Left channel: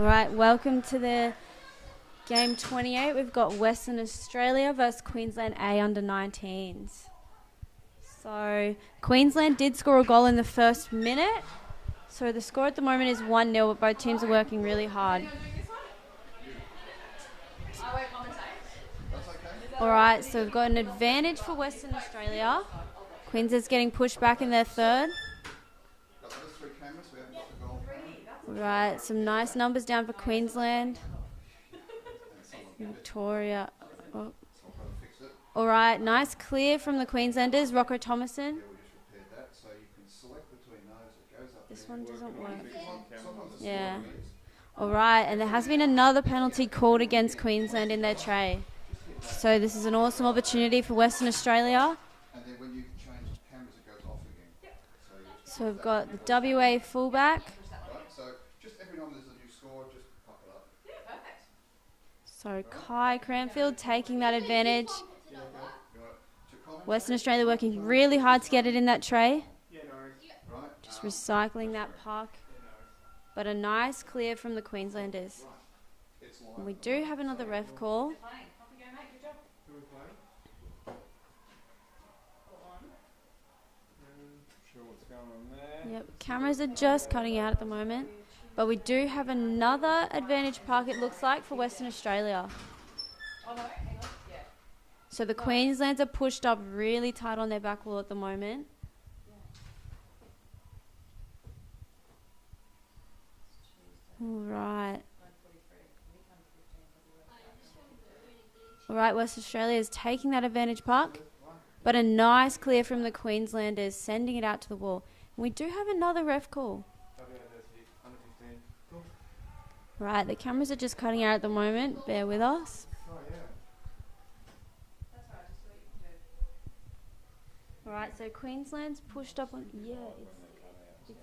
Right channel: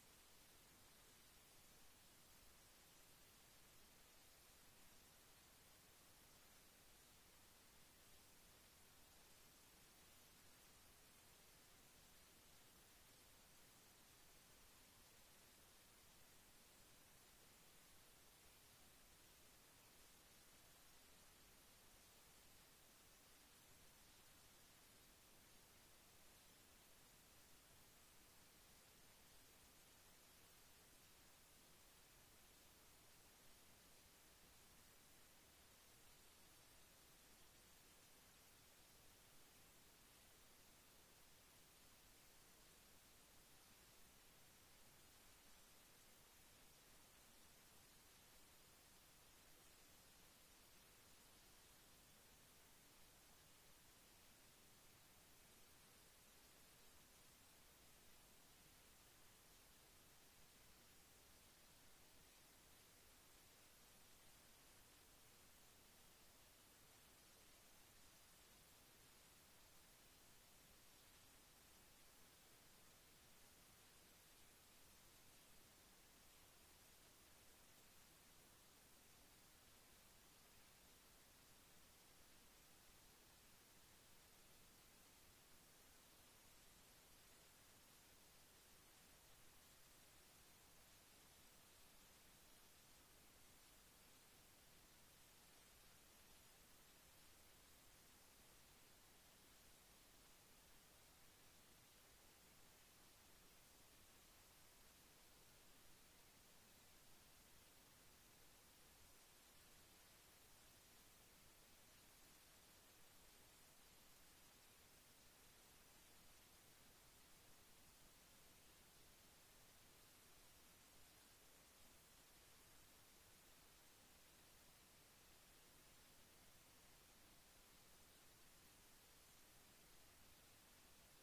All right, welcome to the game 28. We've got Western Australia versus Queensland A under 19s. So Queensland did score a goal in the first minute. So the score at the moment is 1-0, but both teams are working really hard. All right, so we've got an advantage for Western Australia. Queensland's getting pushed back in their third. Right, some nice numbers down for Queensland. Victoria. Oh. All right, nice clear from the Queenslanders. Rocco Thomason. This one doesn't work. Yeah. All right, and there has been another penalty called against Queensland in their tray. So this is an awesome opportunity for Western Australia. So we've got the WA fullback. So Kai Cranfield taking that advantage. Western Australia working really hard to get it in that tray. Just recycling that puck. But a nice clear from the Queenslanders. And we do have another ref call. Yep, cameras are just cutting out at the moment. But we do have another advantage puck, it looks like, for Western Australia. So the Queenslanders are pushed up really tight on their back wall at the moment. All right, Western Australia is taking that advantage puck. But a nice clear from the Queenslanders, sending it out to the wall. And we do have another ref call. Right, the cameras are just cutting out at the moment. Bear with us. All right, so Queensland's pushed up on... Yeah, it's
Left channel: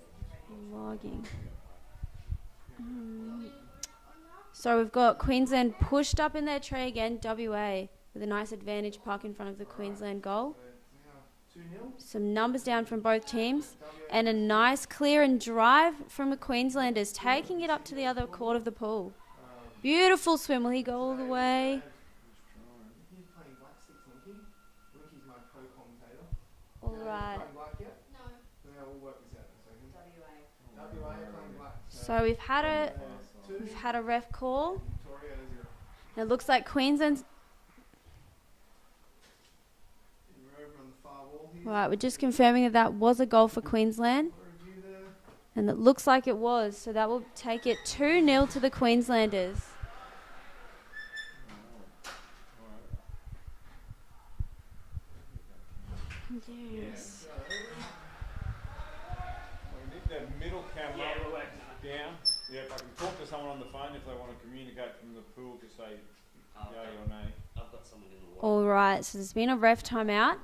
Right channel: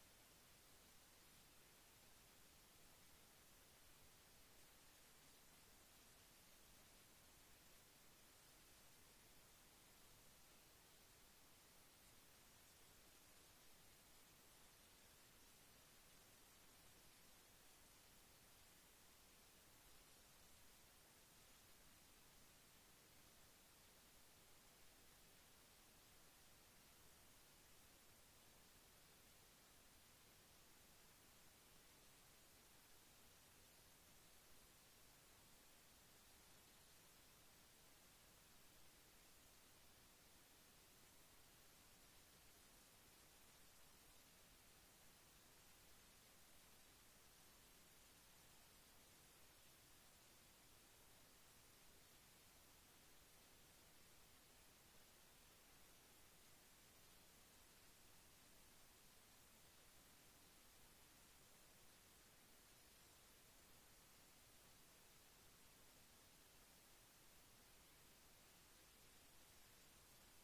logging. So we've got Queensland pushed up in their tray again, WA, with a nice advantage puck in front of the Queensland goal. Some numbers down from both teams. And a nice clear and drive from the Queenslanders, taking it up to the other court of the pool. Beautiful swim. Will he go all the way? All right. So we've had a ref call. And it looks like Queensland's... Right, we're just confirming that was a goal for Queensland. And it looks like it was. So that will take it 2-0 to the Queenslanders. Yes. We need that middle camera down. Yeah, if I can talk to someone on the phone if they want to communicate from the pool to say yay or nay. I've got someone in the water. All right, so there's been a ref timeout.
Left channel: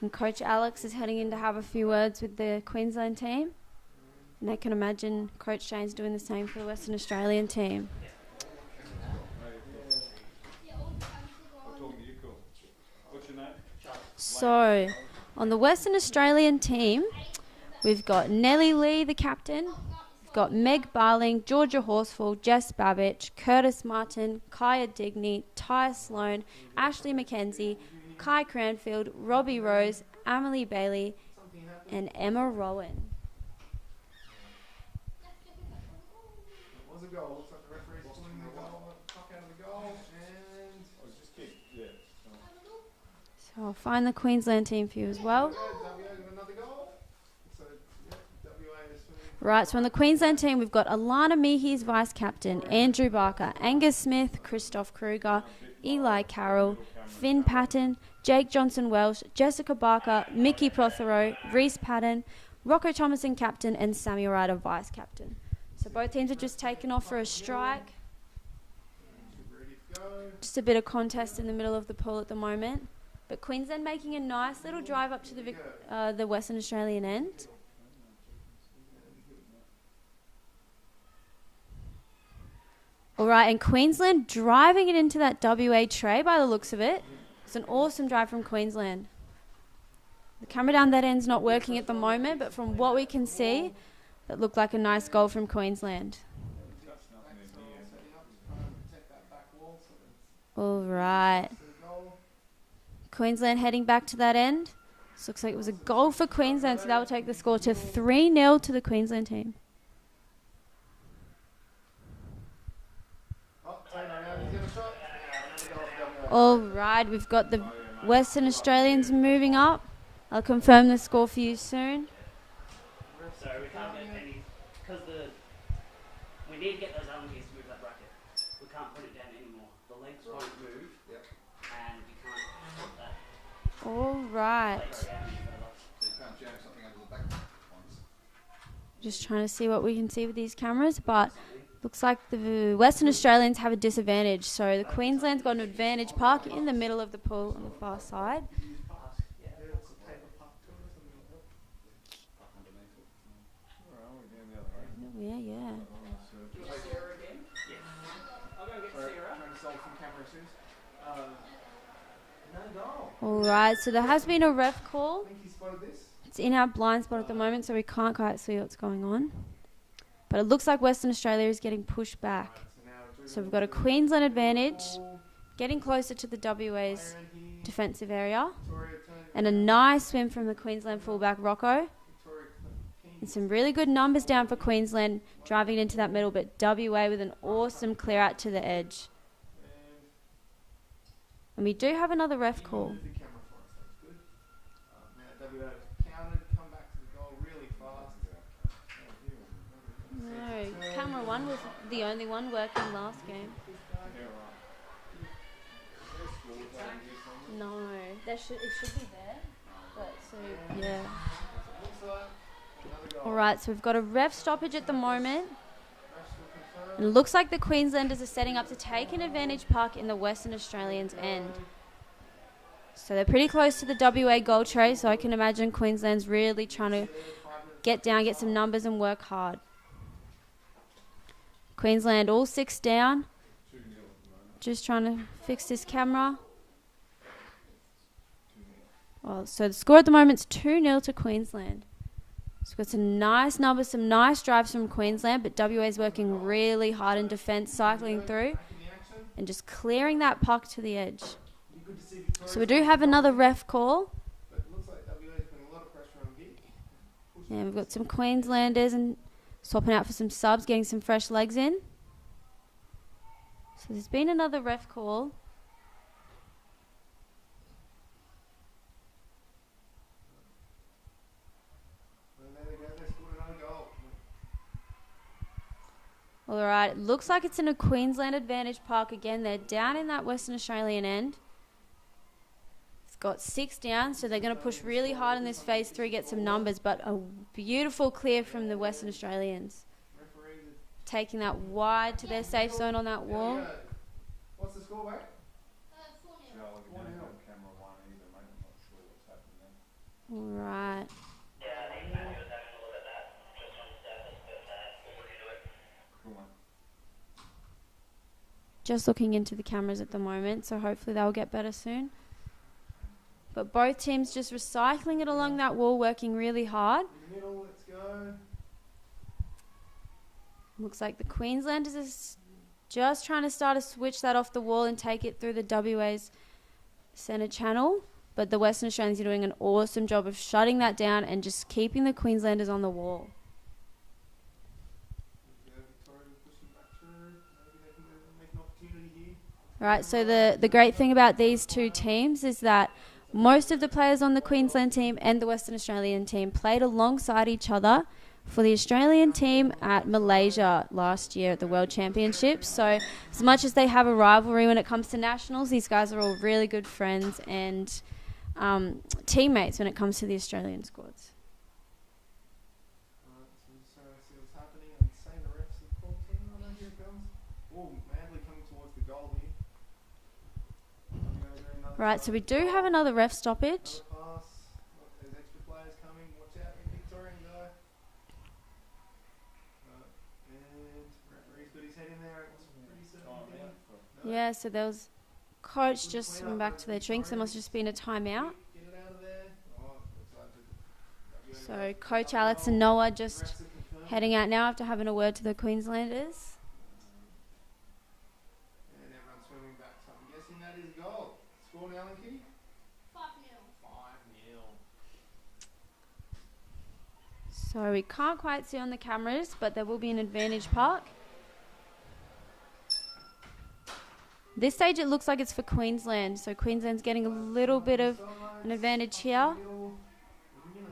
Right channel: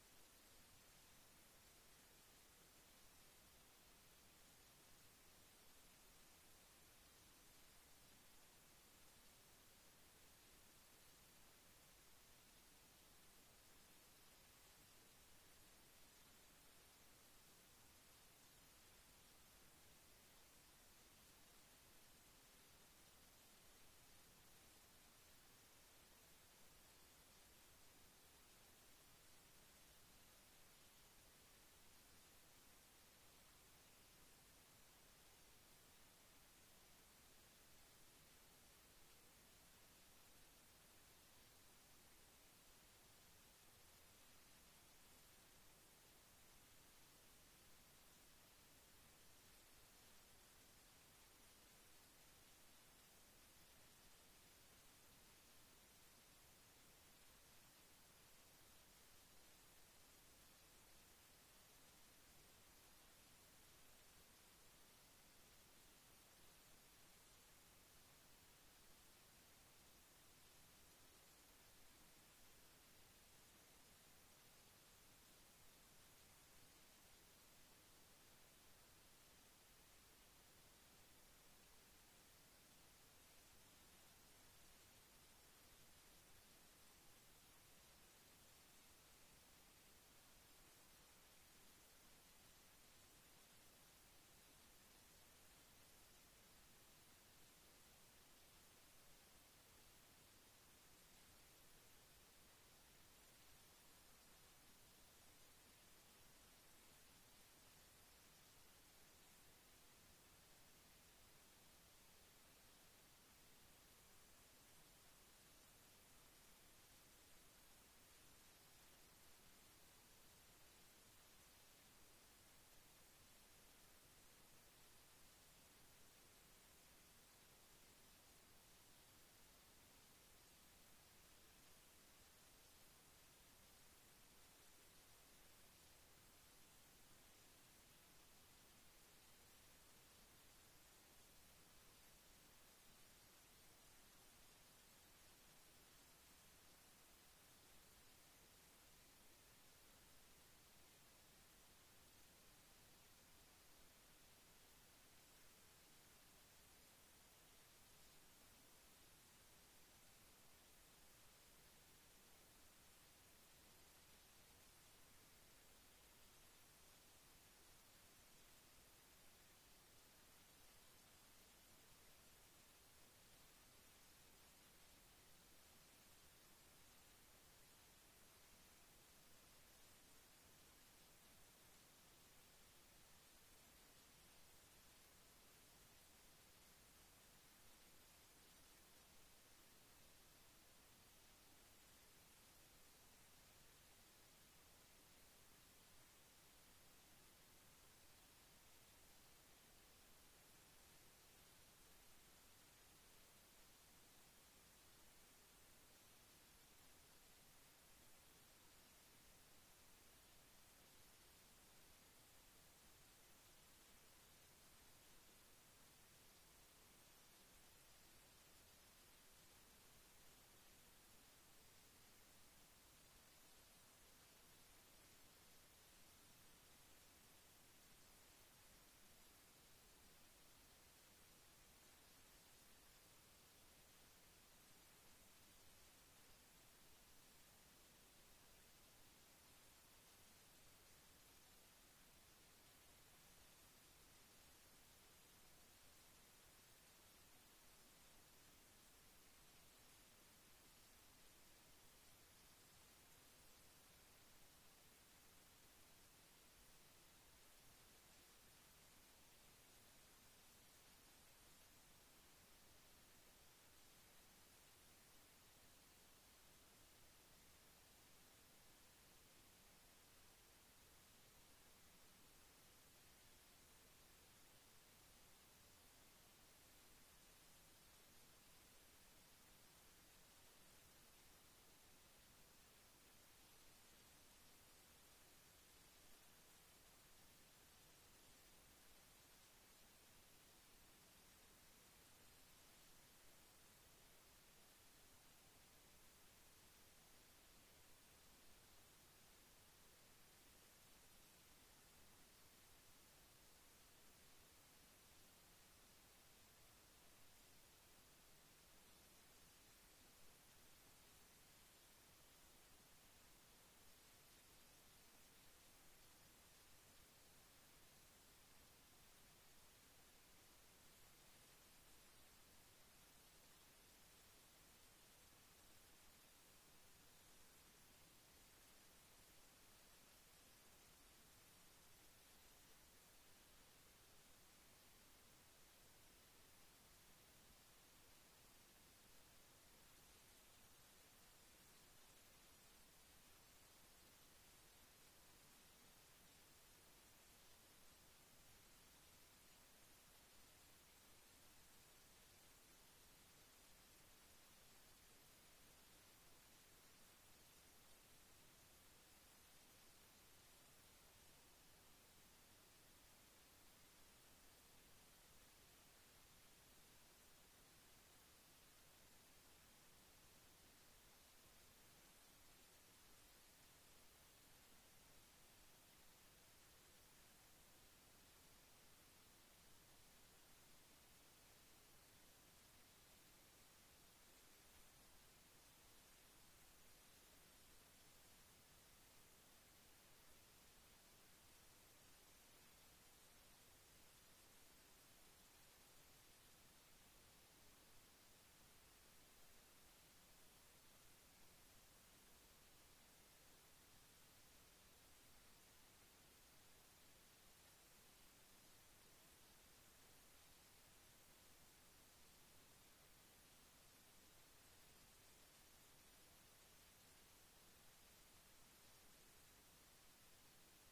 And Coach Alex is heading in to have a few words with the Queensland team. And I can imagine Coach Shane's doing the same for the Western Australian team. What's your name? So, on the Western Australian team, we've got Nellie Lee, the captain. We've got Meg Barling, Georgia Horsfall, Jess Babbage, Curtis Martin, Kaya Digney, Ty Sloan, Ashley McKenzie, Kai Cranfield, Robbie Rose, Emily Bailey, and Emma Rowan. It was a goal. Looks like the referee's pulling the puck out of the goal, and Just kick. Yeah. So I'll find the Queensland team for you as well. another goal. So WA is Right, so on the Queensland team, we've got Alana Meehees, vice-captain, Andrew Barker, Angus Smith, Christoph Kruger, Eli Carroll, Finn Patton, Jake Johnson-Welsh, Jessica Barker, Mickey Prothero, Reese Patton, Rocco Thomason, captain, and Samuel Ryder, vice-captain. So both teams are just taken off for a strike. Just a bit of contest in the middle of the pool at the moment. But Queensland making a nice little drive up to the Western Australian end. All right, and Queensland driving it into that WA tray by the looks of it. It's an awesome drive from Queensland. The camera down that end's not working at the moment, but from what we can see, it looked like a nice goal from Queensland. All right. To the goal. Queensland heading back to that end. This looks like it was a goal for Queensland, so that will take the score to 3-0 to the Queensland team. Oh, Taylor, now he's got a shot. Yeah, another goal for WA. All right, we've got the Western Australians moving up. I'll confirm the score for you soon. So we can't get any, because we need to get those alligators to move that bracket. We can't put it down anymore. The legs won't move, and we can't put that All right. leg down any further. So you can't jam something under the back ones. Just trying to see what we can see with these cameras, but looks like the Western Australians have a disadvantage. So the Queensland's got an advantage park in the middle of the pool on the far side. Yeah, it's a paper puck to it or something like that. Where are we? Down the other way. Yeah. Sarah again? Yes. I'll go get Sarah. Trying to solve some camera issues. No goal. All right, so there has been a ref call. I think he spotted this. It's in our blind spot at the moment, so we can't quite see what's going on. But it looks like Western Australia is getting pushed back. So we've got a Queensland advantage, getting closer to the WA's defensive area. And a nice swim from the Queensland fullback, Rocco. And some really good numbers down for Queensland, driving into that middle, but WA with an awesome clear out to the edge. And we do have another ref call. WA counted, come back to the goal really fast. No, camera one was the only one working last game. No, it should be there. But so yeah. All right, so we've got a ref stoppage at the moment. And it looks like the Queenslanders are setting up to take an advantage park in the Western Australians' end. So they're pretty close to the WA goal tray, so I can imagine Queensland's really trying to get down, get some numbers and work hard. Queensland all 6 down. Just trying to fix this camera. Well, so the score at the moment is 2-0 to Queensland. So we've got some nice numbers, some nice drives from Queensland, but WA is working really hard in defence, cycling through and just clearing that puck to the edge. So we do have another ref call. And we've got some Queenslanders and swapping out for some subs, getting some fresh legs in. So there's been another ref call. All right, it looks like it's in a Queensland advantage park again. They're down in that Western Australian end. It's got 6 down, so they're going to push really hard in this phase 3, get some numbers, but a beautiful clear from the Western Australians. Taking that wide to their safe zone on that wall. What's the score, mate? All right. Just looking into the cameras at the moment, so hopefully they'll get better soon. But both teams just recycling it along that wall, working really hard. Middle, let's go. Looks like the Queenslanders is just trying to start to switch that off the wall and take it through the WA's centre channel. But the Western Australians are doing an awesome job of shutting that down and just keeping the Queenslanders on the wall. Right, so the great thing about these two teams is that most of the players on the Queensland team and the Western Australian team played alongside each other for the Australian team at Malaysia last year at the World Championships. So as much as they have a rivalry when it comes to nationals, these guys are all really good friends and teammates when it comes to the Australian squads. Right, so we do have another ref stoppage. Yeah, so there was coach just went back to their drinks. There must have just been a timeout. So Coach Alex and Noah just heading out now after having a word to the Queenslanders. And everyone's swimming back, so I'm guessing Score now, Linky. 5-0. 5-0. So we can't quite see on the cameras, but there will be an advantage park. This stage it looks like it's for Queensland, so Queensland's getting a little bit of an advantage here. A minute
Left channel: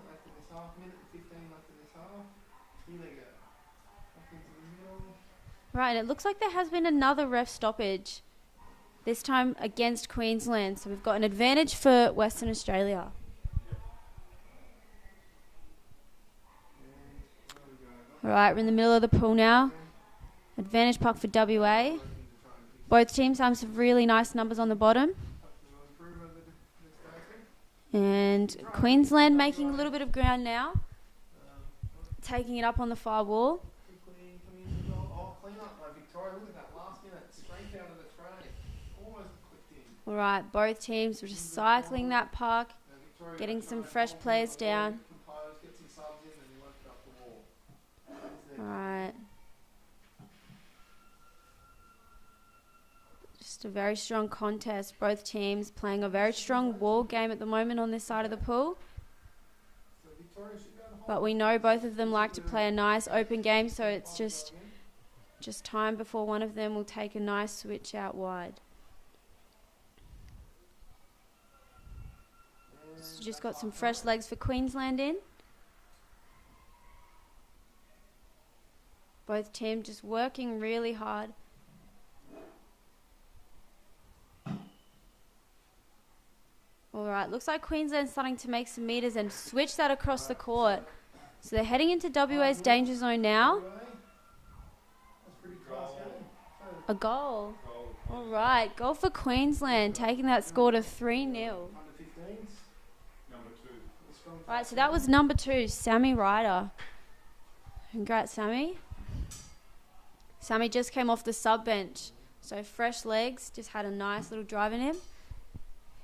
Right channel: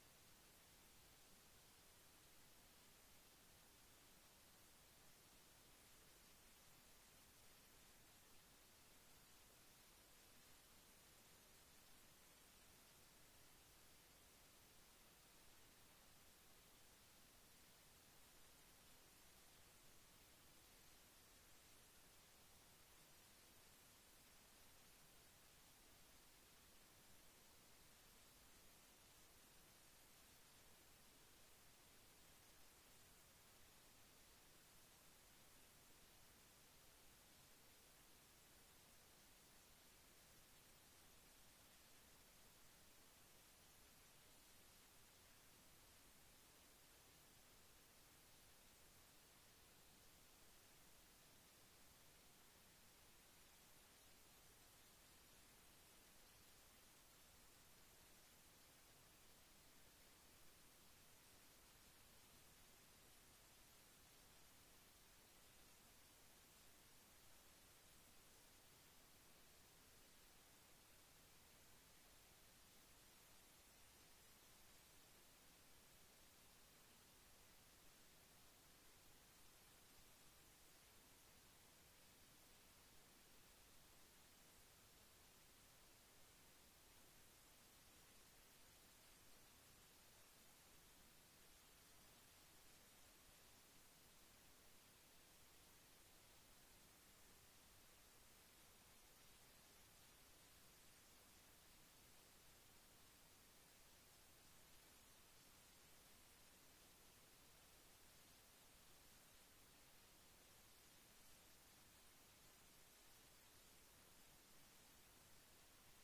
left in this half, minute and 15 left in this half. Here they go. Up into the middle. Right, and it looks like there has been another ref stoppage, this time against Queensland. So we've got an advantage for Western Australia. Right, we're in the middle of the pool now. Advantage puck for WA. Both teams have some really nice numbers on the bottom. And Queensland making a little bit of ground now. Taking it up on the far wall. Clean up by Victoria. Look at that last minute. Straight out of the tray. Almost clipped in. Alright, both teams were just cycling that puck. Getting some fresh players down. Get some subs in and left it up the wall. Alright. Just a very strong contest. Both teams playing a very strong wall game at the moment on this side of the pool. But we know both of them like to play a nice open game, so it's just time before one of them will take a nice switch out wide. So just got some fresh legs for Queensland in. Both teams just working really hard. Alright, looks like Queensland's starting to make some meters and switch that across the court. So they're heading into WA's danger zone now. A goal. Alright, goal for Queensland, taking that score to 3-0. Alright, so that was number 2, Sammy Ryder. Congrats, Sammy. Sammy just came off the sub bench. So fresh legs, just had a nice little drive in him.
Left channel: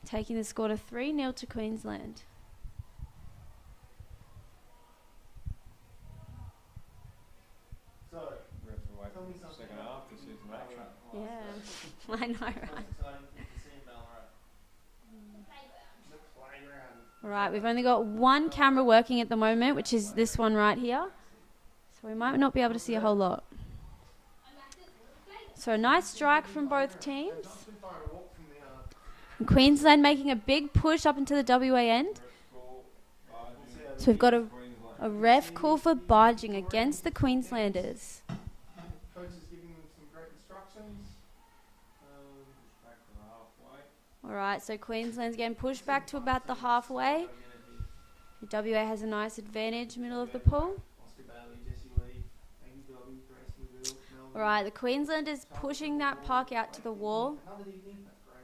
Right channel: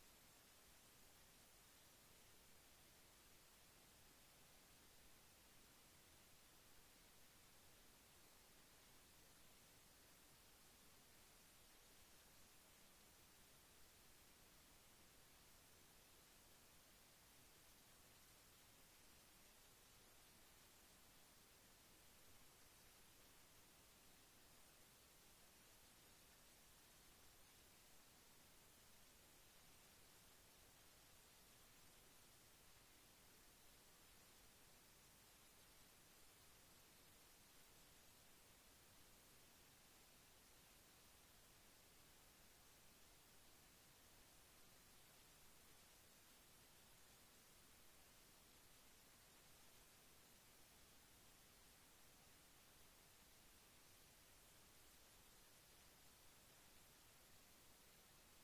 Taking the score to 3-0 to Queensland. So, We have to wait for the second half to see some action. Yeah, I know, right? Alright, we've only got one camera working at the moment, which is this one right here. So we might not be able to see a whole lot. So a nice strike from both teams. And Queensland making a big push up into the WA end. So we've got a ref call for barging against the Queenslanders. coach is giving them some great instructions. Back to the halfway. Alright, so Queensland's getting pushed back to about the halfway. The WA has a nice advantage, middle of the pool. Alright, the Queenslanders pushing that puck out to the wall.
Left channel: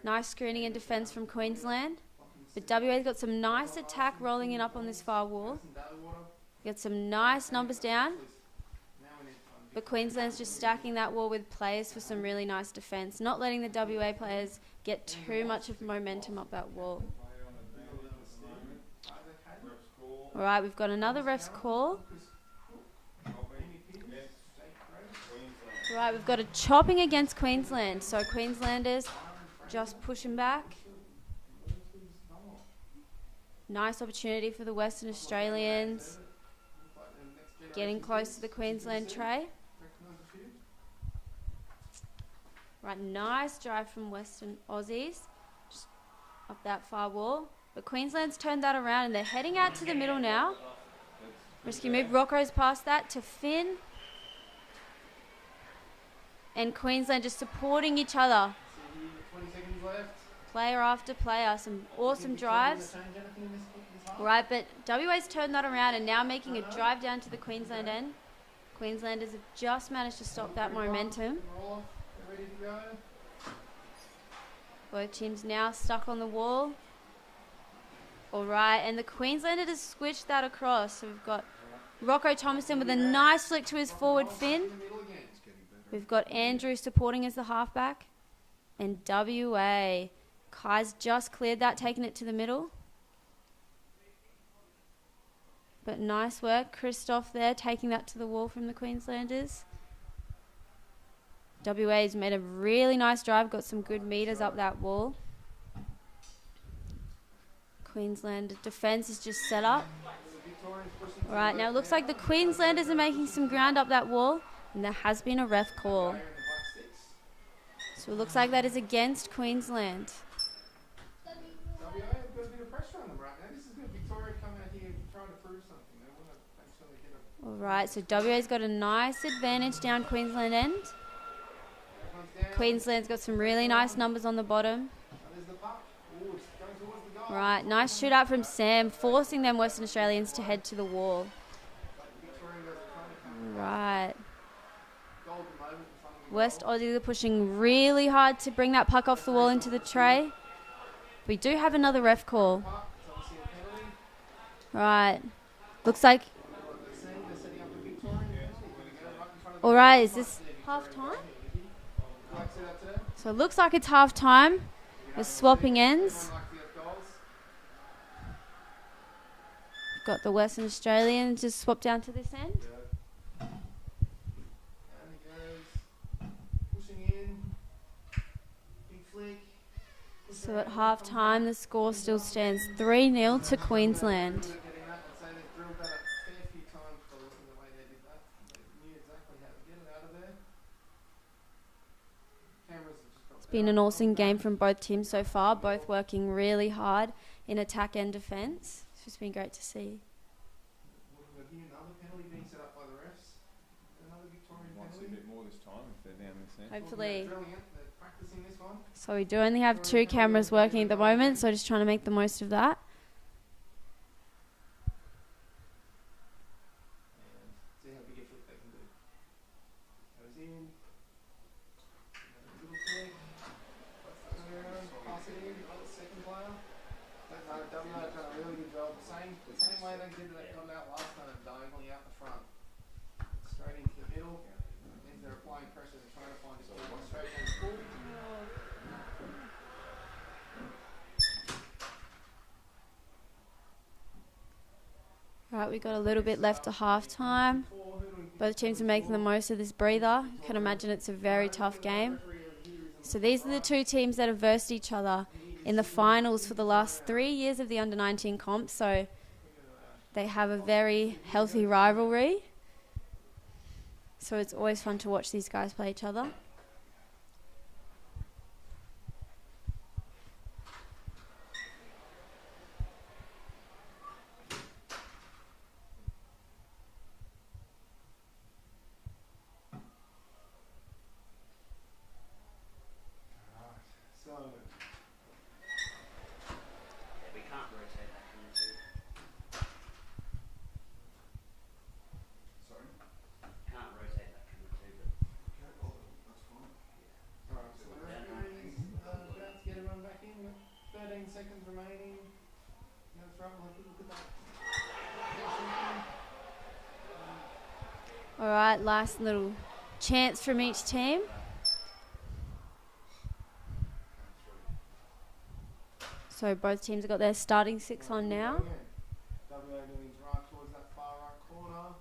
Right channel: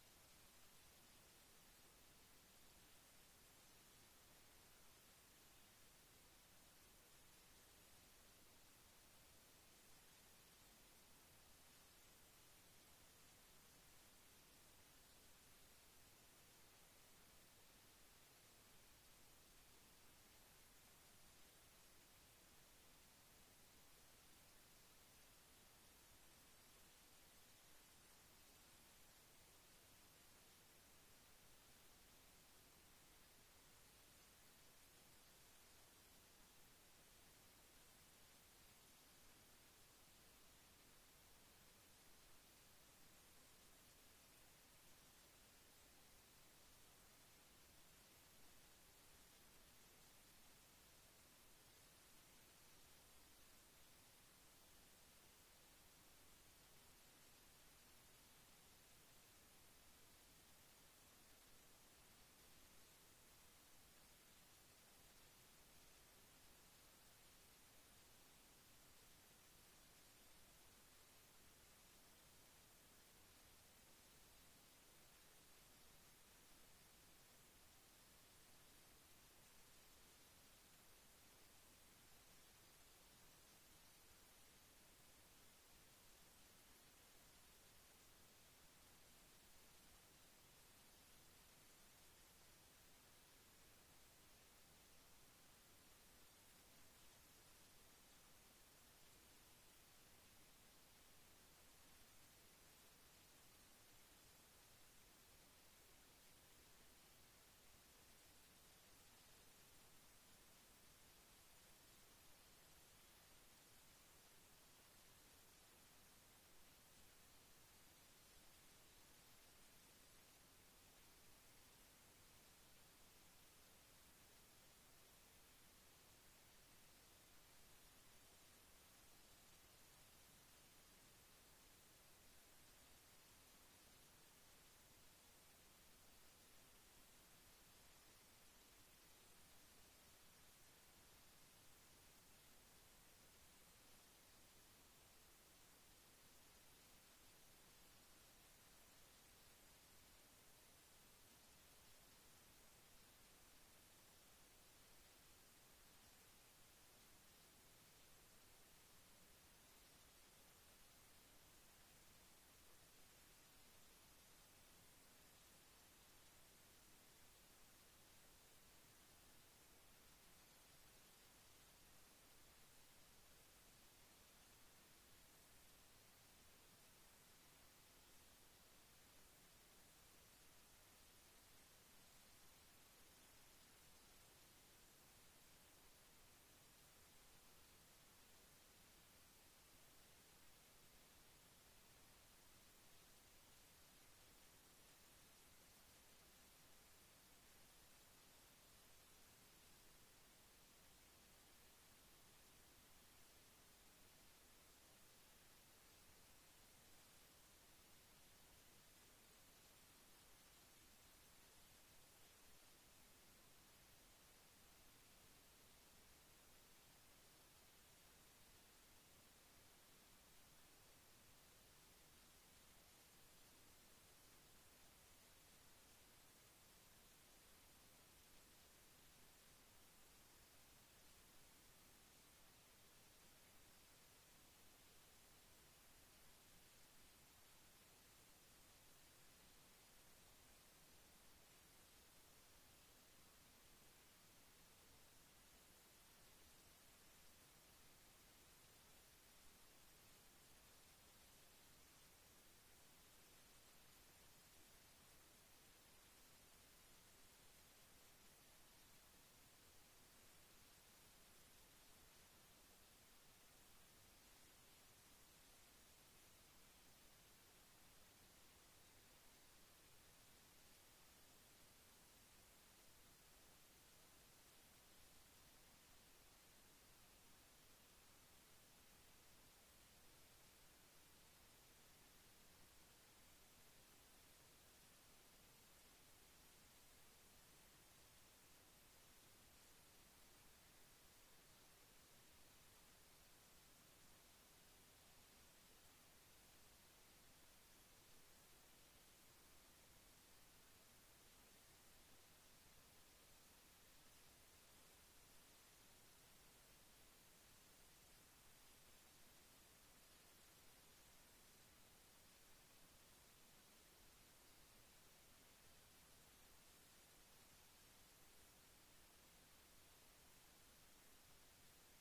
Nice screening and defence from Queensland. But WA's got some nice attack rolling in up on this far wall. Got some nice numbers down. But Queensland's just stacking that wall with players for some really nice defence. Not letting the WA players get too much of momentum up that wall. Alright, we've got another ref's call. Right, we've got a chopping against Queensland. So Queenslanders just pushing back. Nice opportunity for the Western Australians. Getting close to the Queensland tray. Right, nice drive from Western Aussies. Just up that far wall. But Queensland's turned that around and they're heading out to the middle now. Risky move. Rocco's past that to Finn. And Queensland just supporting each other. 20 seconds left. Player after player. Some awesome drives. Right, but WA's turned that around and now making a drive down to the Queensland end. Queenslanders have just managed to stop that momentum. Ready to go. Both teams now stuck on the wall. Alright, and the Queenslanders have switched that across. So we've got Rocco Thomason with a nice flick to his forward fin. We've got Andrew supporting as the halfback. And WA. Kai's just cleared that, taking it to the middle. But nice work. Christoph there, taking that to the wall from the Queenslanders. WA's made a really nice drive, got some good meters up that wall. Queensland defence is just set up. The Victorians pushing to Alright, the now it left looks like the now. Queenslanders are making some ground up that wall, and there has been a ref call. Player in the black sticks. So it looks like that is against Queensland. WA have got a bit of pressure on them right now. This is good. Victoria come out here trying to prove something. They want to make sure they get a... Alright, so WA's got a nice advantage down Queensland end. Everyone's down. Queensland's got some really nice numbers on the bottom. And there's the puck. Ooh, it's going towards the goal. Right, nice shootout from Sam, forcing them Western Australians to head to the wall. But the Victorian guys are trying to come Right. golden moment in front of the West goal. Aussies are pushing really hard to bring that puck off the wall into the tray. We do have another ref call. Puck, it's obviously a penalty. Right. Looks like... What they're saying, they're setting up the Victorian penalty. Here we go, right in front of the Alright, goal. is this half time? Like set up today. So it looks like it's half time. We're swapping ends. Everyone like the goals. Got the Western Australians just swapped down to this end. And he goes, pushing in, big flick. So at half time, the score still stands 3-0 to Queensland. Getting that, I'd say they've drilled that a fair few times by looking at the way they did that. They knew exactly how to get it out of there. Cameras have just got It's been an awesome game from both teams so far, both working really hard in attack and defence. It's just been great to see. We've got here another penalty being set up by the refs. Another Victorian Might see a penalty. bit more this time if they're down this end. Hopefully. They're drilling it, they're practicing this one. So we do only have 2 cameras working at the moment, so just trying to make the most of that. And see how big a flick they can do. Goes in. Little flick. Turn around, pass it in, second player. WA have done a really good job. The same way they did that got it out last time, diagonally out the front. Straight into the middle. Means they're applying pressure, they're trying to find a goal. Straight down the pool. Right, we got a little bit left to half time. Both teams are making the most of this breather. You can imagine it's a very tough game. So these are the 2 teams that have versed each other in the finals for the last 3 years of the under-19 comp. So they have a very healthy rivalry. So it's always fun to watch these guys play each other. So, Yeah, we can't rotate that camera too. Sorry? Can't rotate that camera too, but alright, so the referee's about to get everyone back in. We've got 13 seconds remaining. No trouble, have a look at that. Alright, last little chance from each team. So both teams have got their starting 6 on now. WA leans right towards that far right corner.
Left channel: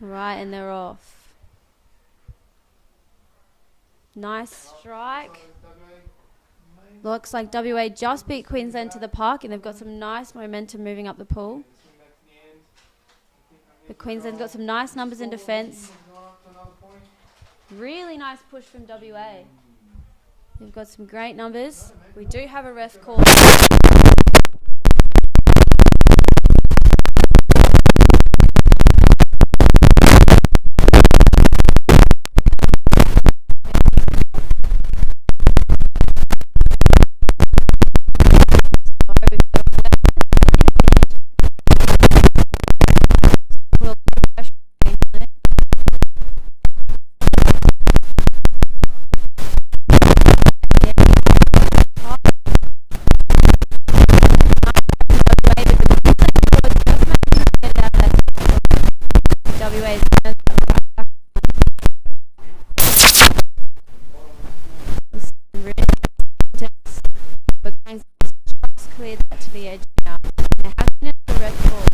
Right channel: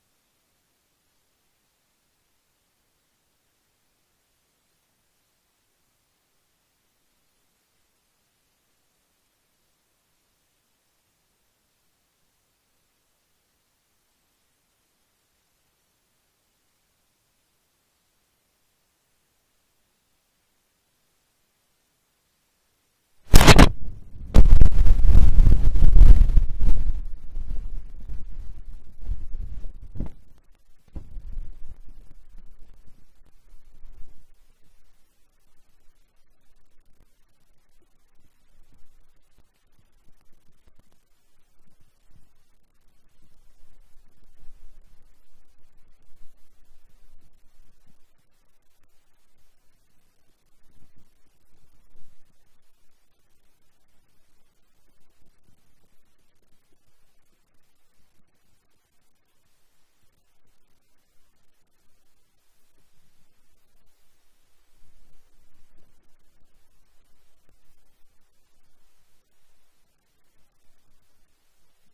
Right, and they're off. Nice strike. Looks like WA just beat Queensland to the park, and they've got some nice momentum moving up the pool. But Queensland's got some nice numbers in defence. Really nice push from WA. They've got some great numbers. We do have a ref call. Cleared that to the edge now. There has been a red ball.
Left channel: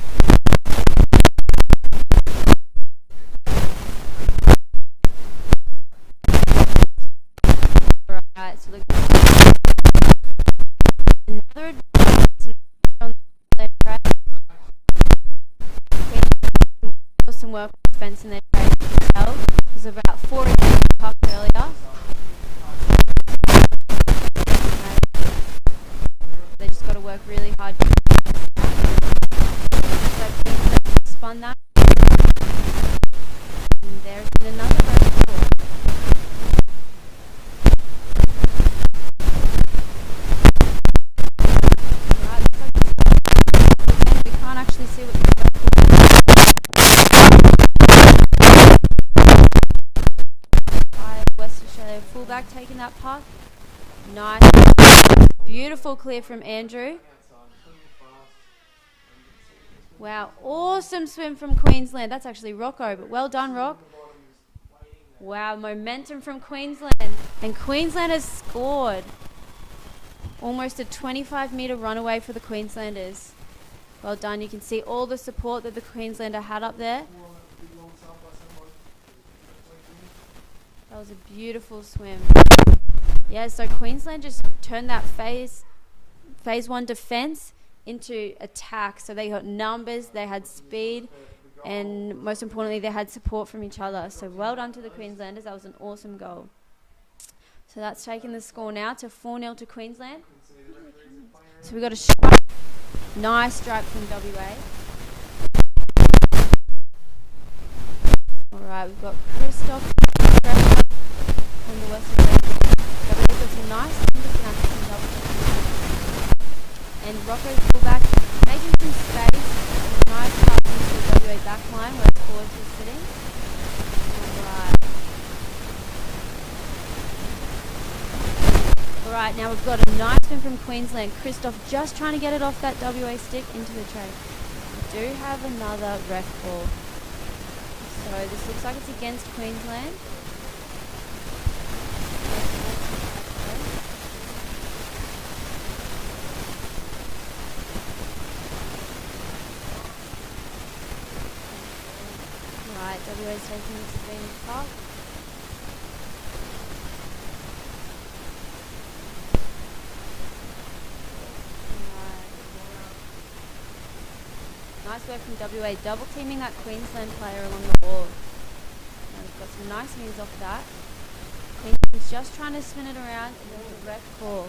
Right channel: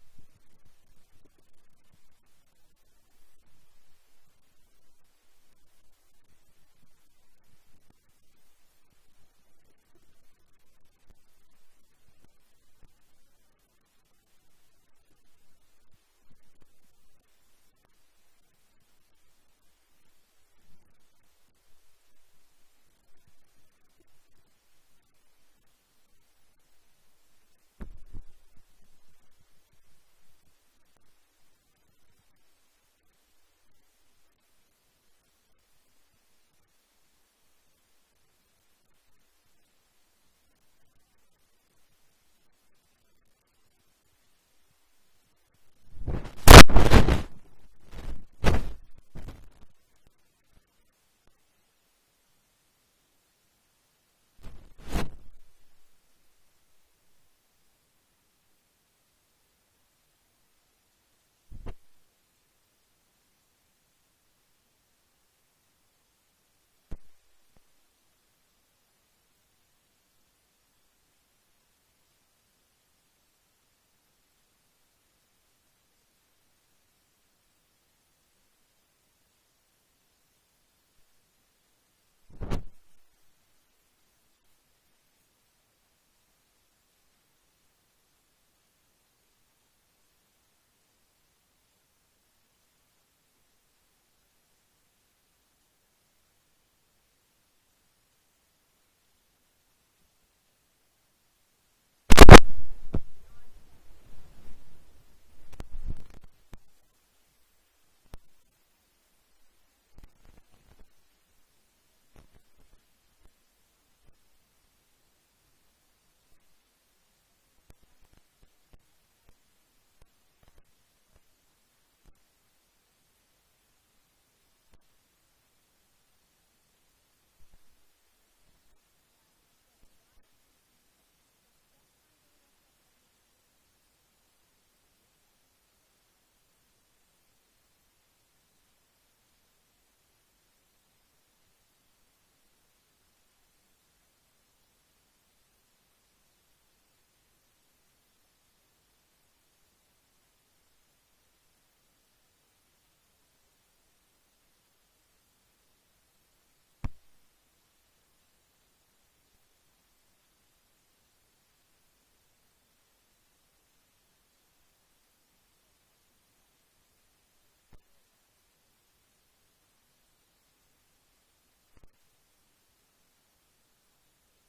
defence in their trade as well. There's about 4 against the puck earlier. They just got to work really hard. So Queensland spun that. And there's been another red ball. Right, looks like again, we can't actually see what the red ball. West Australia fullback taking that puck. Nice. Beautiful clear from Andrew. Wow, awesome swim from Queensland. That's actually Rocco, but well done, Rock. Wow, momentum from Queensland. And Queensland has scored. Almost a 25-metre runaway for the Queenslanders. Well done. You can see all the support that the Queenslander had up there. That was a beautiful swim. Yeah, so Queensland just turned that phase 1 defence into attack. So they got numbers, they had speed, and most importantly, they had support from each other. So well done to the Queenslanders. That was an awesome goal. So that's taking the score now to 4-0 to Queensland. So we got a strike. Nice strike from WA. Alright, we've got Christoph on the Western Coast. WA got some nice numbers down to some double teams. And Rocco's fullback making some space. Nice pass into the WA back line where the forwards were sitting. Alright, now we've got a nice win from Queensland. Christoph just trying to get it off that WA stick into the tray. We do have another ref ball. So this looks like it's against Queensland. Right, WA's taking this advantage off. Nice work from WA, double teaming that Queensland player along the wall. Now we've got some nice moves off that. Queensland's just trying to spin it around and there's a ref call.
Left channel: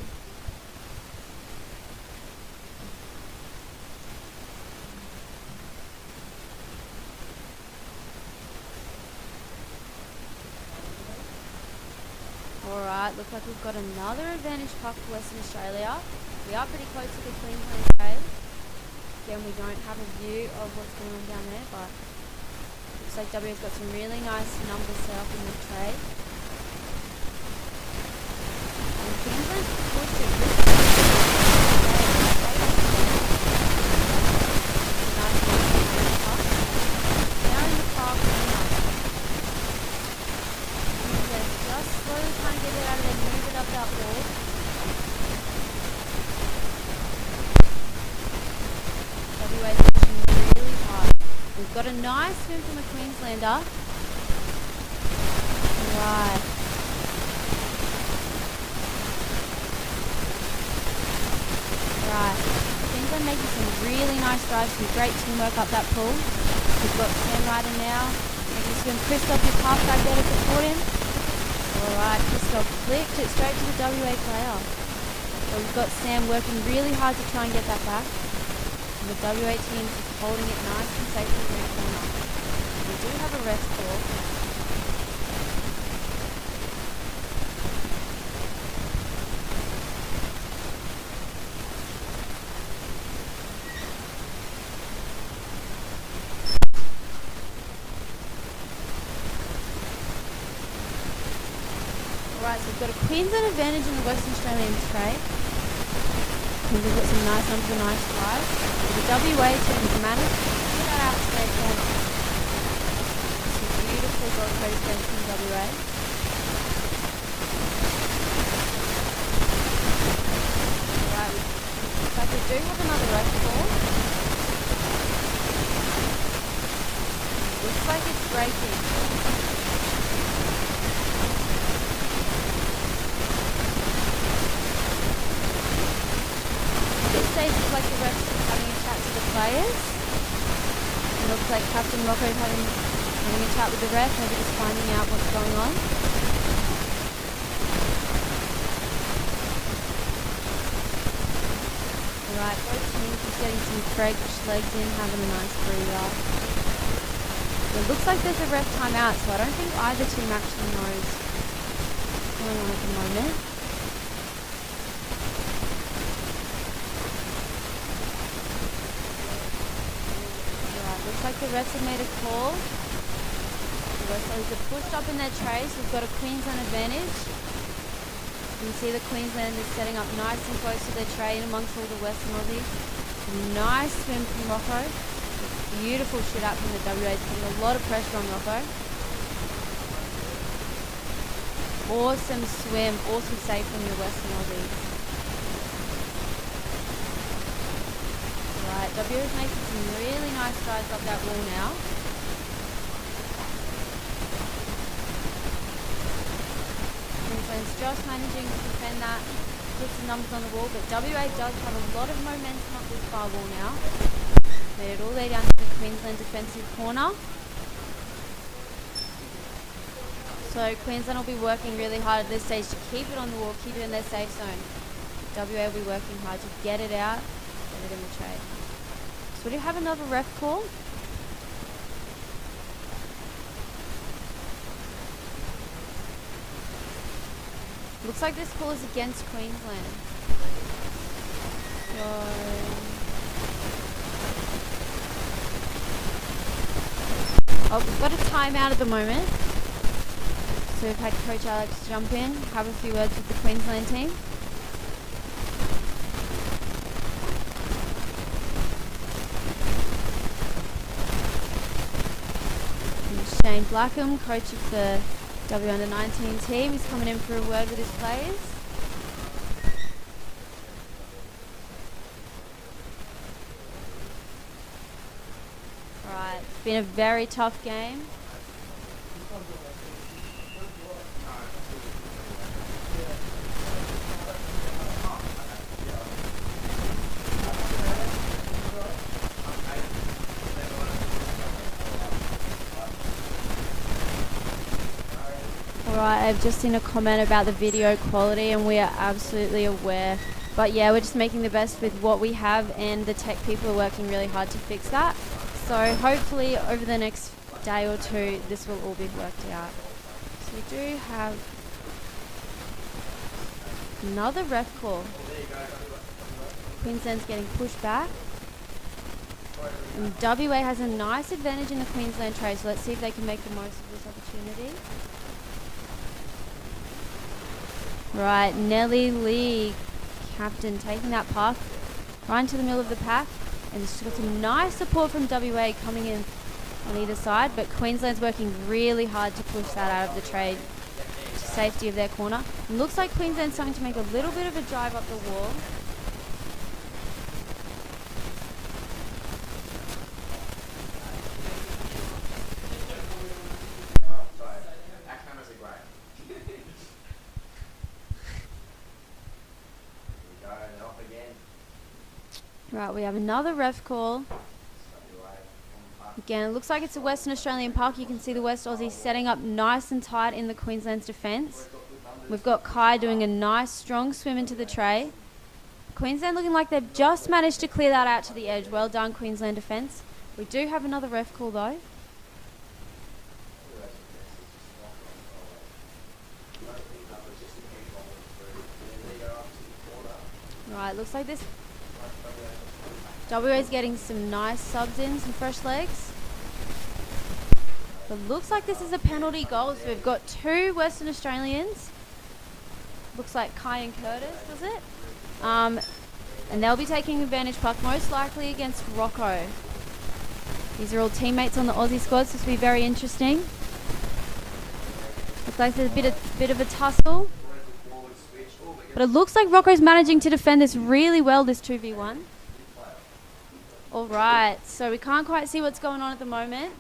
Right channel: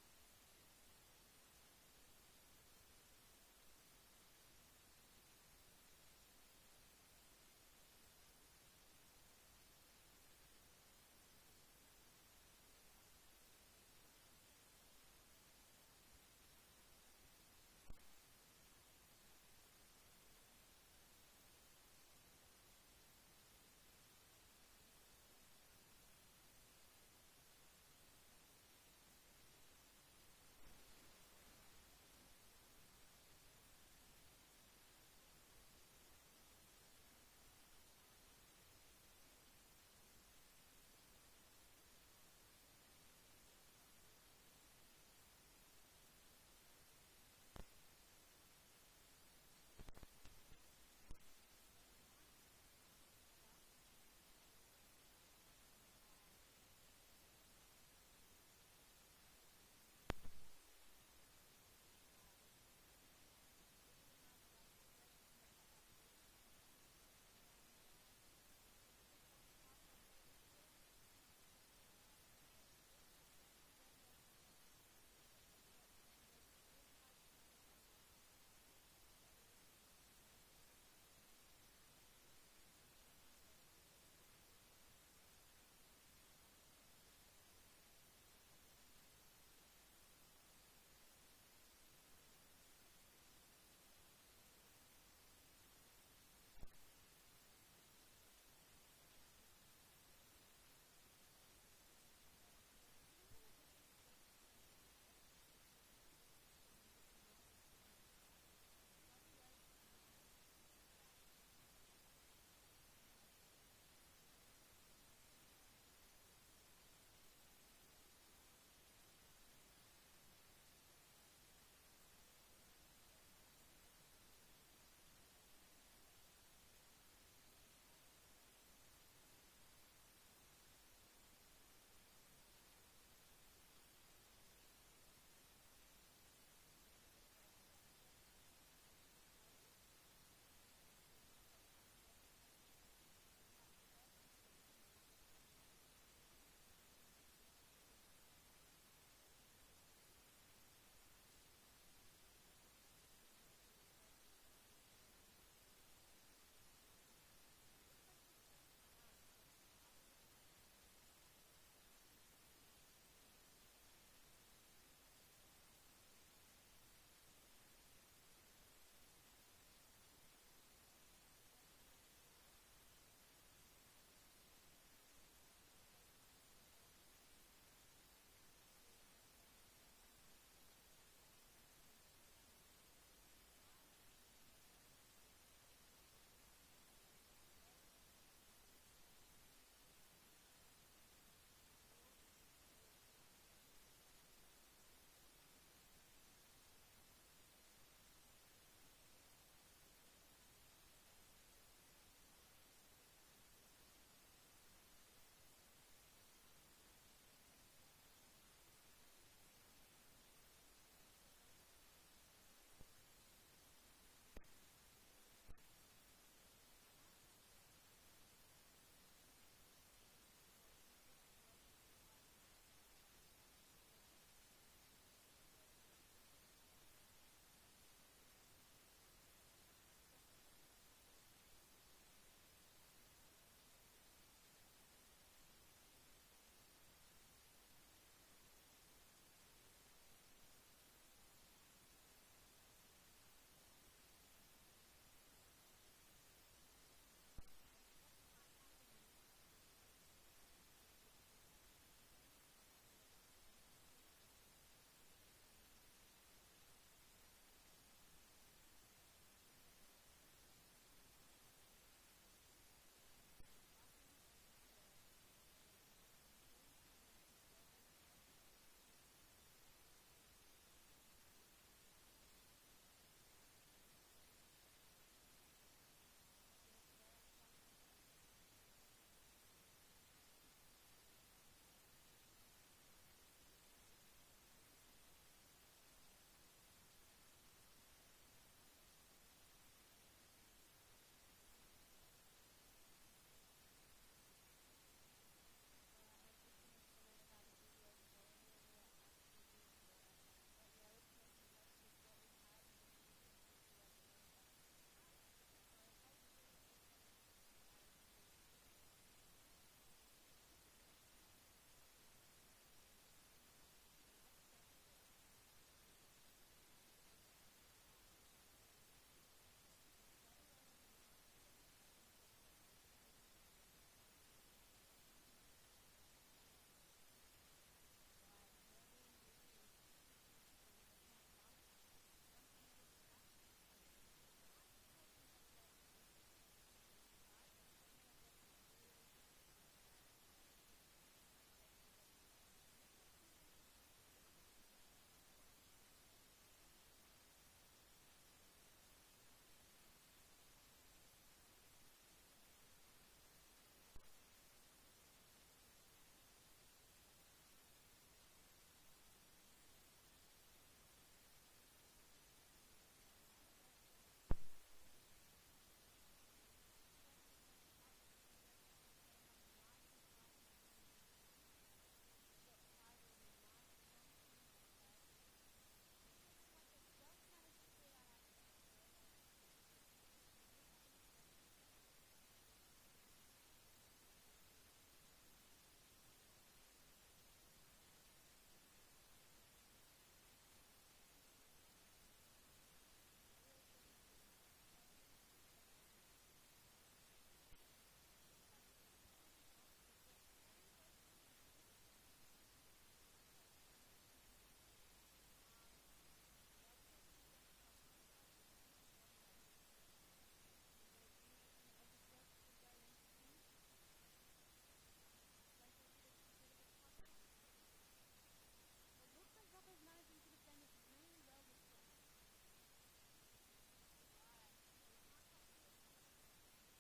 Alright, looks like we've got another advantage puck for Western Australia. We are pretty close to the Queensland trade. Again, we don't have a view of what's going on down there, but looks like WA's got some really nice numbers set up in the tray. And Queensland's pushed it really now in the park, Queensland just slowly trying to get it out of there, move it up that wall. WA's pushing really hard. We've got a nice swim from a Queenslander. Right. Right. Queensland making some really nice drives, some great teamwork up that pool. We've got Sam Ryder now making a swim. Christoph is halfback there to support him. Alright, Christoph flicked it straight to the WA player. So we've got Sam working really hard to try and get that back. The WA team is holding it nice and safe in the corner. We do have a rest call. Alright, so we've got a Queensland advantage in the Western Australian tray. We've got some nice numbers and nice drives. The WA team has managed to get that out to their corner. Some beautiful Gold Coast games from WA. Alright, looks like we do have another ref ball. Looks like it's breaking. It looks like the refs having a chat to the players. It looks like Captain Rocco having a a chat with the ref, maybe just finding out what's going on. Alright, both teams just getting some fresh legs in, having a nice breather. It looks like there's a ref timeout, so I don't think either team actually knows what's going on at the moment. Alright, looks like the refs have made a call. The West Aussies are pushed up in their trays. We've got a Queensland advantage. You can see the Queenslanders setting up nice and close to their tray in amongst all the Western Aussies. Nice swim from Rocco. Beautiful shit out from the WAs, putting a lot of pressure on Rocco. Awesome swim, awesome save from the Western Aussies. Right, W is making some really nice strides up that wall now. Queensland's just managing to defend that, put some numbers on the wall, but WA does have a lot of momentum up this far wall now. Made it all the way down to the Queensland defensive corner. So Queensland will be working really hard at this stage to keep it on the wall, keep it in their safe zone. WA will be working hard to get it out, get it in the tray. So we do have another ref call. Looks like this call is against Queensland. So oh, we've got a timeout at the moment. So we've had Coach Alex jump in, have a few words with the Queensland team. And Shane Blackham, coach of the W under 19 team, is coming in for a word with his players. Right, it's been a very tough game. Alright, I've just seen a comment about the video quality and we are absolutely aware. But yeah, we're just making the best with what we have and the tech people are working really hard to fix that. So hopefully over the next day or two, this will all be worked out. So we do have another ref call. Queensland's getting pushed back. And WA has a nice advantage in the Queensland tray, so let's see if they can make the most of this opportunity. Right, Nellie Lee, captain, taking that puck right into the middle of the pack. And she's got some nice support from WA coming in on either side, but Queensland's working really hard to push that out of the tray to safety of their corner. It looks like Queensland's starting to make a little bit of a drive up the wall. Right, we have another ref call. Again, it looks like it's a Western Australian park. You can see the West Aussies setting up nice and tight in the Queensland's defence. We've got Kai doing a nice strong swim into the tray. Queensland looking like they've just managed to clear that out to the edge. Well done, Queensland defence. We do have another ref call though. Right, looks like this WA's getting some nice subs in, some fresh legs. But looks like this is a penalty goal, so we've got two Western Australians. Looks like Kai and Curtis, does it? And they'll be taking advantage puck, most likely against Rocco. These are all teammates on the Aussie squad, so this will be very interesting. Looks like there's a bit of a tussle. But it looks like Rocco's managing to defend this really well, this 2v1. Alright, so we can't quite see what's going on at the moment.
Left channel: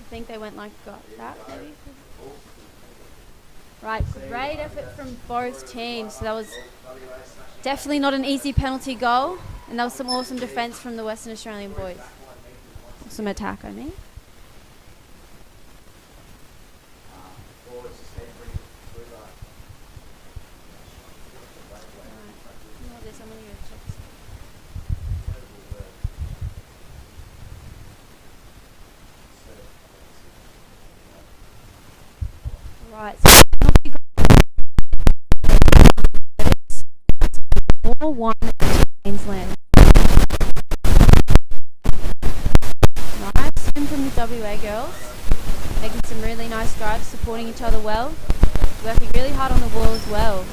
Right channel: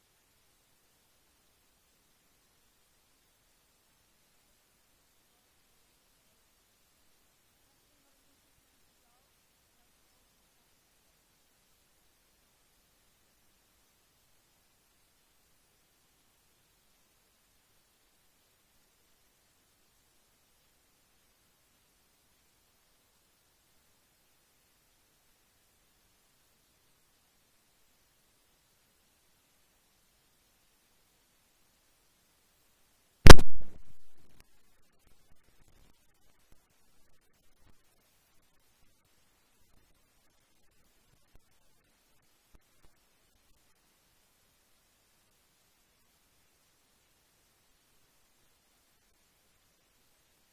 I think they went like that, maybe. Right, great effort from both teams. So that was definitely not an easy penalty goal. And that was some awesome defence from the Western Australian boys. Awesome attack, I mean. 1 to Queensland. Nice swim from the WA girls. Making some really nice drives, supporting each other well. Working really hard on the wall as well.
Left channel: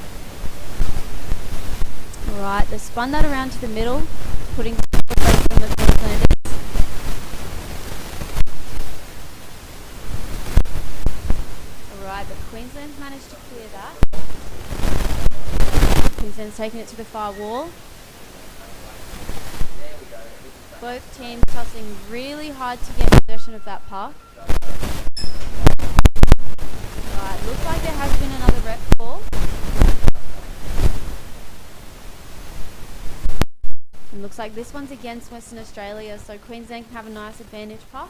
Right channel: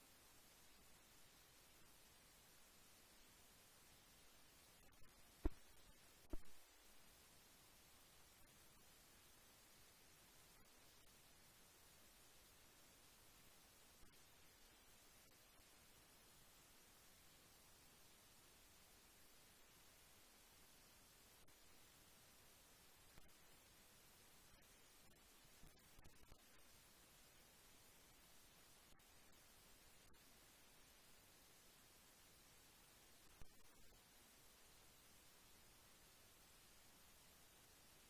Alright, they spun that around to the middle, putting pressure on the Queenslanders. Alright, but Queensland's managed to clear that. Queensland's taking it to the far wall. Both teams tussling really hard to get possession of that puck. Alright, looks like there has been another ref call. And looks like this one's against Western Australia, so Queensland can have a nice advantage puck.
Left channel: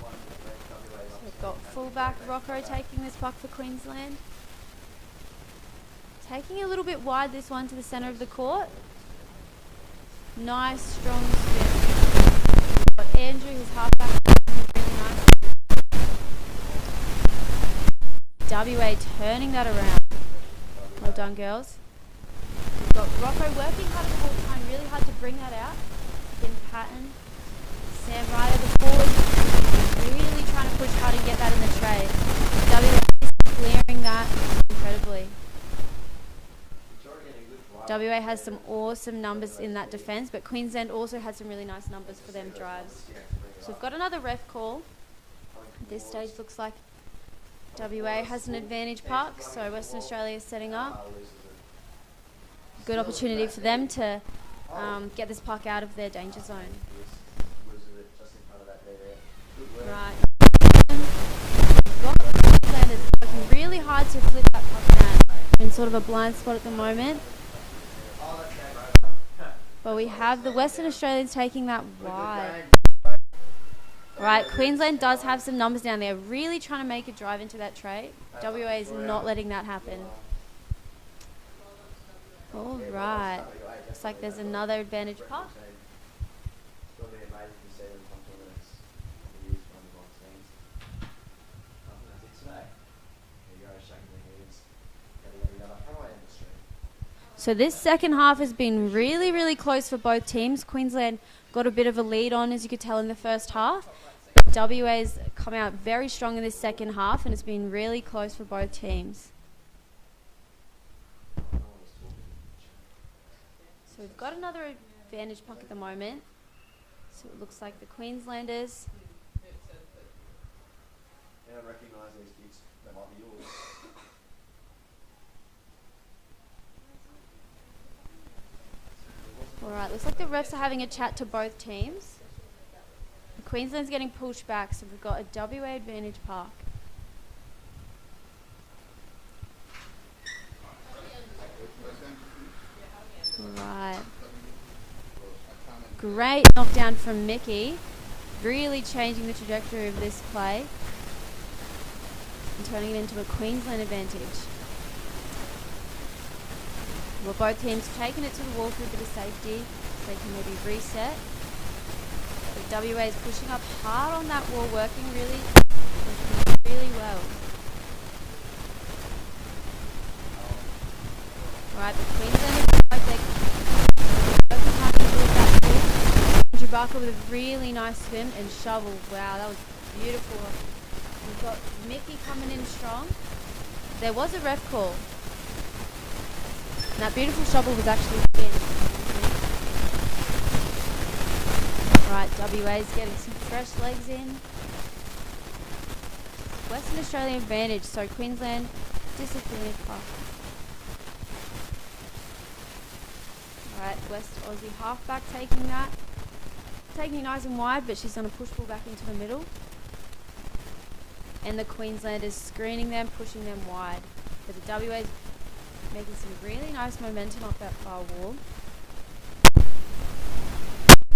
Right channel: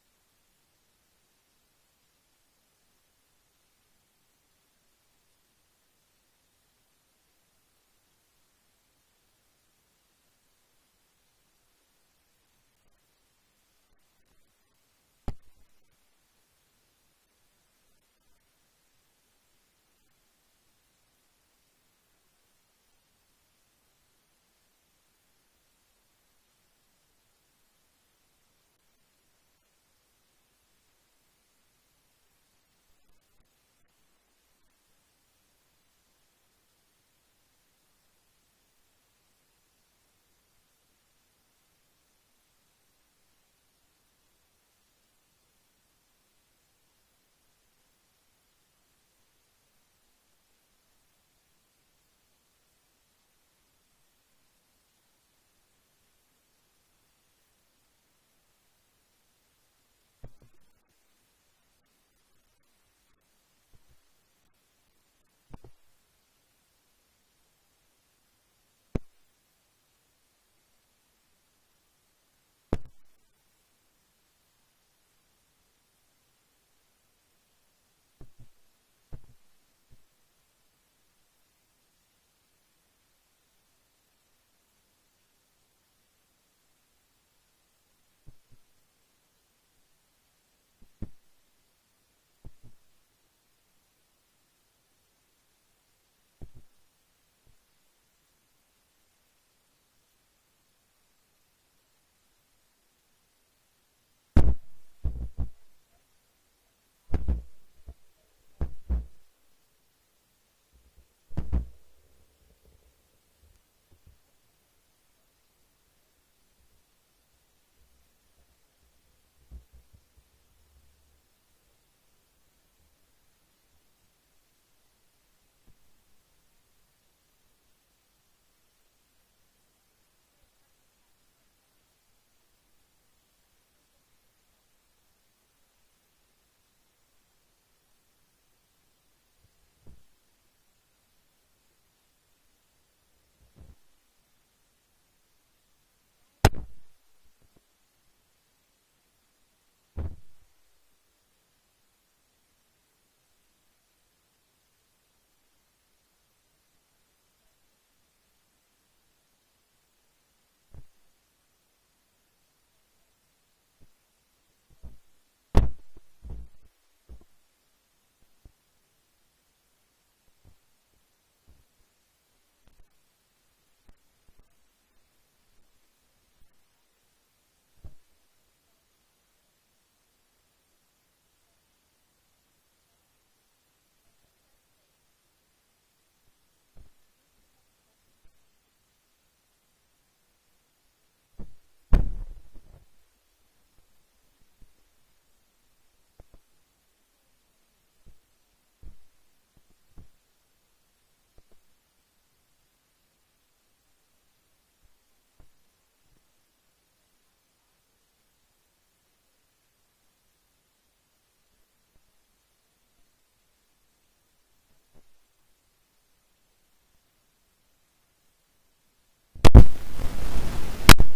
So we've got fullback Rocco taking this puck for Queensland. Taking a little bit wide this one to the centre of the court. Nice, strong spin. We've got Andrew, who's halfback, really nice. WA turning that around. Well done, girls. We've got Rocco working hard the whole time, really hard to bring that out. In pattern. Sam Ryder, the forward, really trying to push hard and get that in the tray. WA is clearing that incredibly. WA has some awesome numbers in that defence, but Queensland also had some really nice numbers for them drives. So we've got another ref call. At this stage looks like WA has an advantage puck, so Western Australia is setting up. Good opportunity for them to get this puck out of their danger zone. Right. We've got Queenslanders working really hard to flip that puck around. In sort of a blind spot at the moment. But we have the Western Australians taking that wide. Right, Queensland does have some numbers down there, really trying to make a drive into that tray. WA is not letting that happen. All right, looks like there's another advantage puck. So this second half has been really, really close for both teams. Queensland got a bit of a lead on, as you could tell in the first half. WA's come out very strong in this second half, and it's been really close for both teams. So we've got another advantage puck at the moment. So it looks like the Queenslanders. I don't recognise these kids. They might be yours. Alright, looks like the refs are having a chat to both teams. The Queensland's getting pushed back, so we've got a WA advantage park. Alright. Great knockdown from Mickey. Really changing the trajectory of this play. And turning it into a Queensland advantage. Well, both teams taking it to the wall for a bit of safety, so they can maybe reset. But WA is pushing up hard on that wall, working really well. Alright, the Queenslanders look like they're working hard to build that wall. Andrew Barker with a really nice swim and shovel. Wow, that was beautiful. We've got Mickey coming in strong. There was a ref call. And that beautiful shovel was actually spin. Right, WA's getting some fresh legs in. Western Australian advantage, so Queensland disadvantage puck. Alright, West Aussie halfback taking that. Taking it nice and wide, but she's going to push ball back into the middle. And the Queenslanders screening them, pushing them wide. But the WA's making some really nice momentum off that far wall.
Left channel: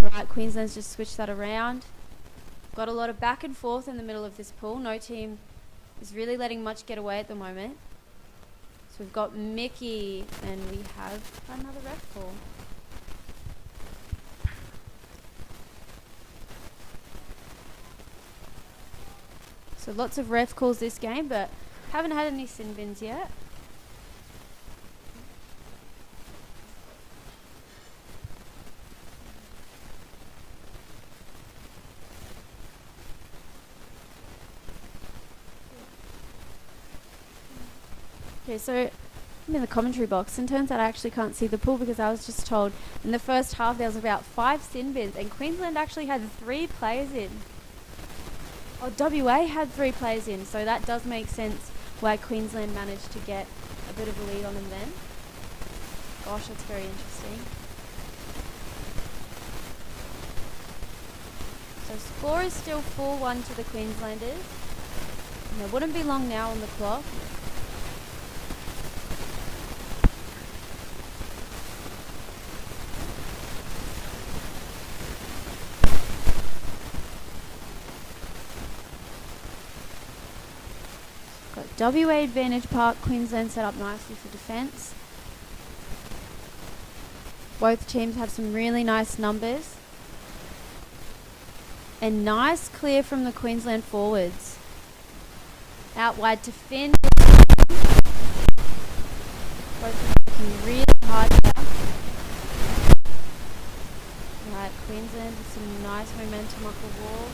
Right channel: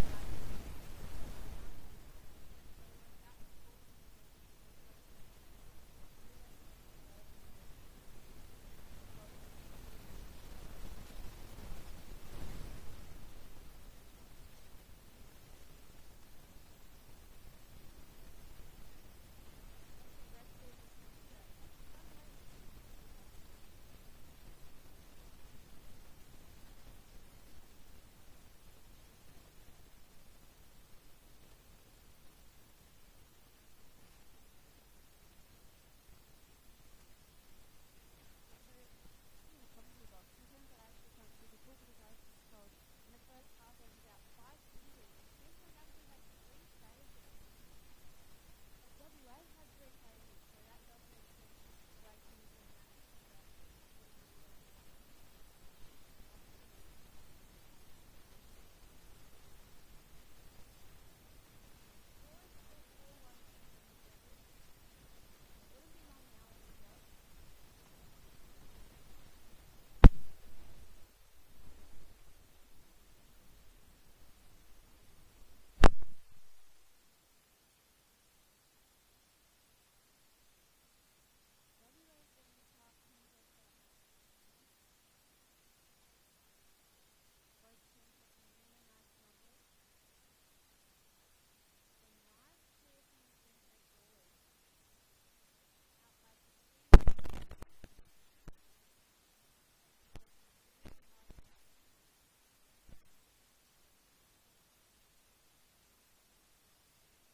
Right, Queensland's just switched that around. Got a lot of back and forth in the middle of this pool. No team is really letting much get away at the moment. So we've got Mickey and we have another ref call. So lots of ref calls this game, but haven't had any sin bins yet. Okay, so I'm in the commentary box, and turns out I actually can't see the pool because I was just told in the first half there was about 5 sin bins, and Queensland actually had 3 players in. Oh, WA had 3 players in, so that does make sense why Queensland managed to get a bit of a lead on them then. Gosh, that's very interesting. So score is still 4-1 to the Queenslanders. And there wouldn't be long now on the clock. Got WA advantage park, Queensland set up nicely for defence. Both teams have some really nice numbers. And nice clear from the Queensland forwards. Out wide to Finn. Both working really hard here. Right, Queensland with some nice momentum off the wall.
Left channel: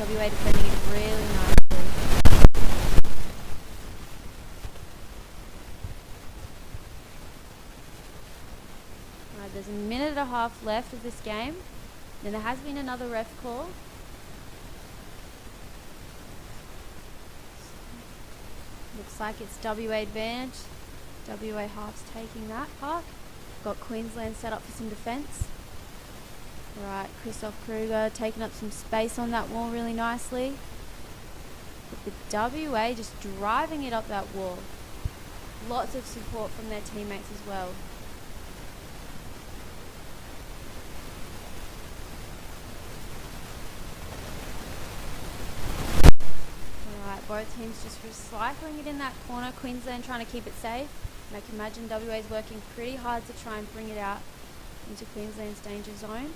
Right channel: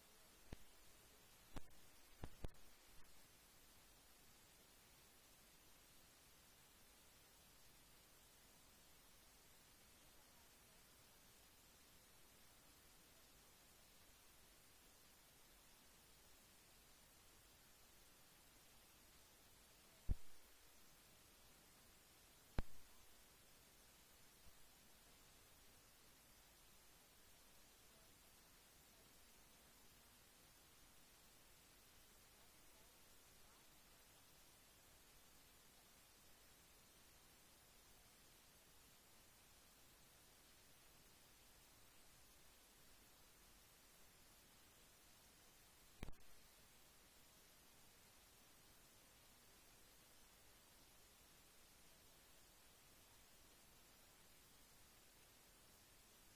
WA defending it really nicely. Right, there's a minute and a half left of this game. And there has been another ref call. Looks like it's WA advantage. WA half's taking that park. Got Queensland set up for some defence. Right, Christoph Kruger taking up some space on that wall really nicely. But the WA just driving it up that wall. Lots of support from their teammates as well. Alright, both teams just recycling it in that corner. Queensland trying to keep it safe. And I can imagine WA's working pretty hard to try and bring it out into Queensland's danger zone.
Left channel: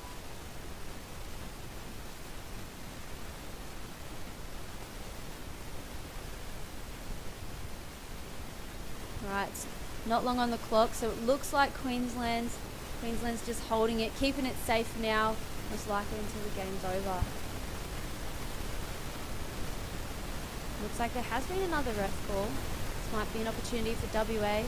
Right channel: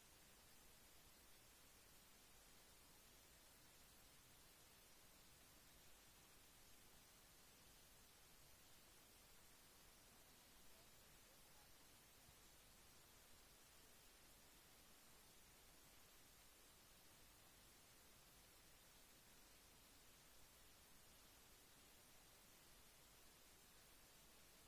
Right, not long on the clock, so it looks like Queensland's just holding it, keeping it safe now, most likely until the game's over. Looks like there has been another ref call. This might be an opportunity for WA.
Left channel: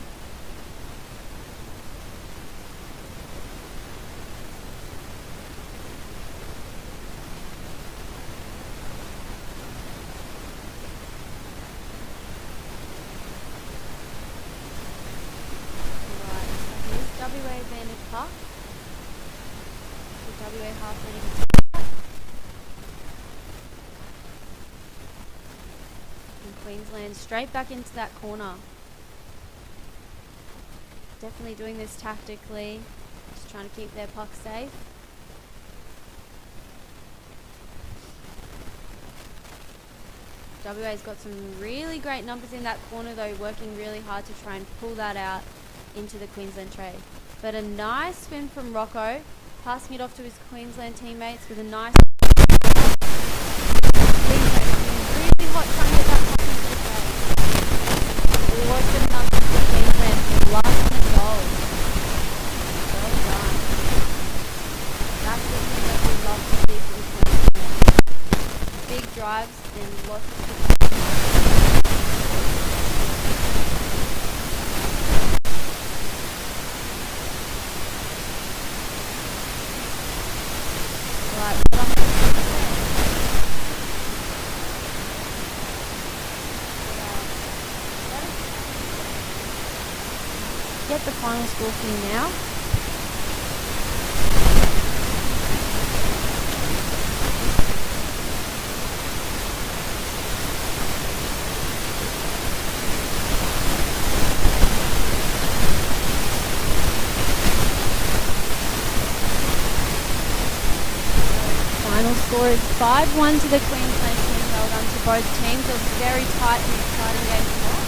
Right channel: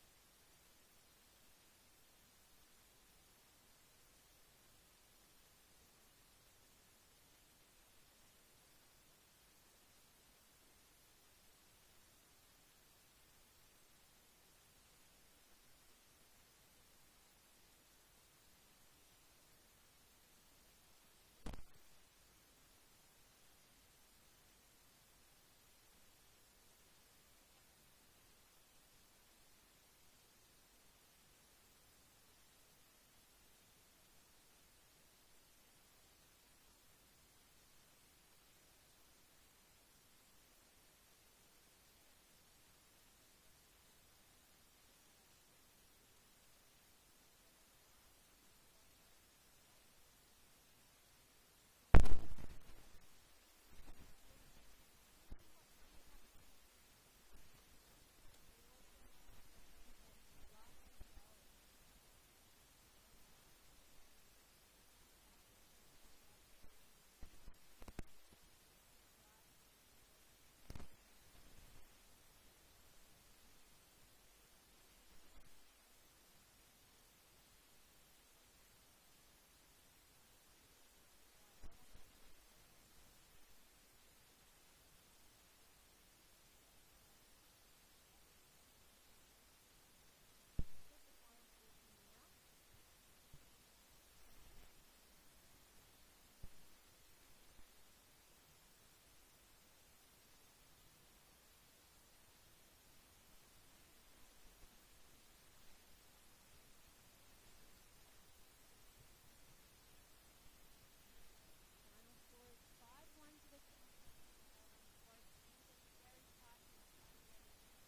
WA advantage puck. So WA half ready to take that. And Queensland straight back into that corner. Definitely doing this tactically. Just trying to keep their puck safe. WA's got some really great numbers in that corner though, working really hard to try and pull that out into the Queensland tray. But a nice spin from Rocco, passing it off to his Queensland teammates with a nice Queensland really hot trying to get that puck into the tray. It was good enough for Queensland for the last minute goal. Well done. That's the thing that we love to see from Queensland. Big drives and lots of get the final score for you now. Final score is 5-1 to the Queensland team. Well done to both teams. It was a very tight and exciting game tonight.